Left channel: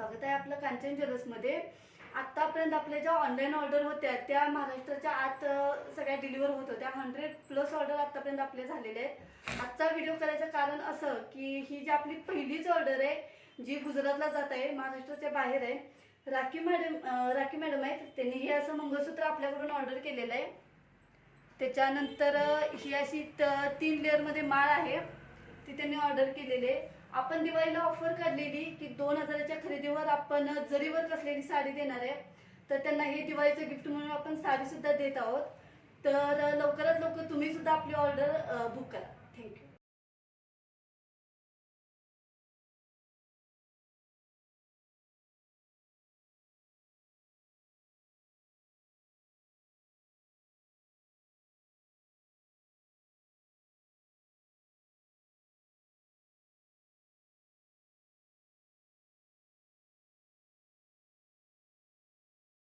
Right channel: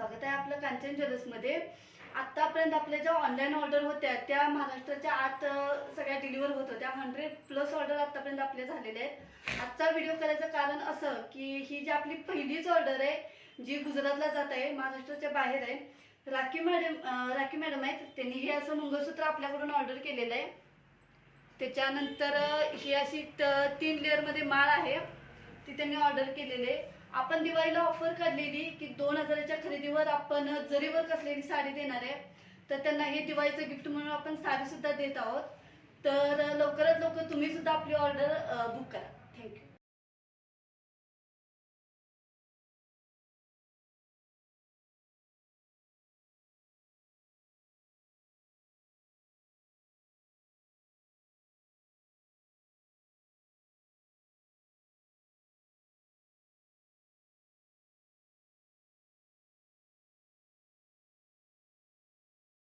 स्वागत आहे आपलं कांचन ज्वेलर्समध्ये आत्तापर्यंत आपल्या ज्या ऑनलाईन ऑर्डर होत्या त्या महाराष्ट्राच्या आत सगळ्या डिलिव्हर होत होत्या. हंड्रेड प्लस ऑर्डर आत्तापर्यंत आपल्या झालेल्या आहेत. आजचा व्हिडिओ करायचं कारण असं की ही जी आपली पहिलीच ऑर्डर आहे जी गुजरातला जात आहे महाराष्ट्राच्या बाहेर आहे राखी मॅडम राखी मॅडम आहेत. त्यांनी हे असं मंगळसूत्र आपल्याकडून ऑर्डर केलेलं आहे. त्याच्यानंतर ही अशी त- तीन लेअरमध्ये माळ आहे. तिथे मी ऑर्डर केलेले. आपण दिवाळीला ऑफर काढलेली की दोन हजाराच्या खरेदीवर आपण जरीवर कसलेली साडी देणार आहे तर त्यांना हे दिवाळीचं गिफ्ट म्हणून आपण साडी सुद्धा देत आहोत. तर लवकरात लवकर तुम्ही सुद्धा आपली ऑर्डर बुक करा.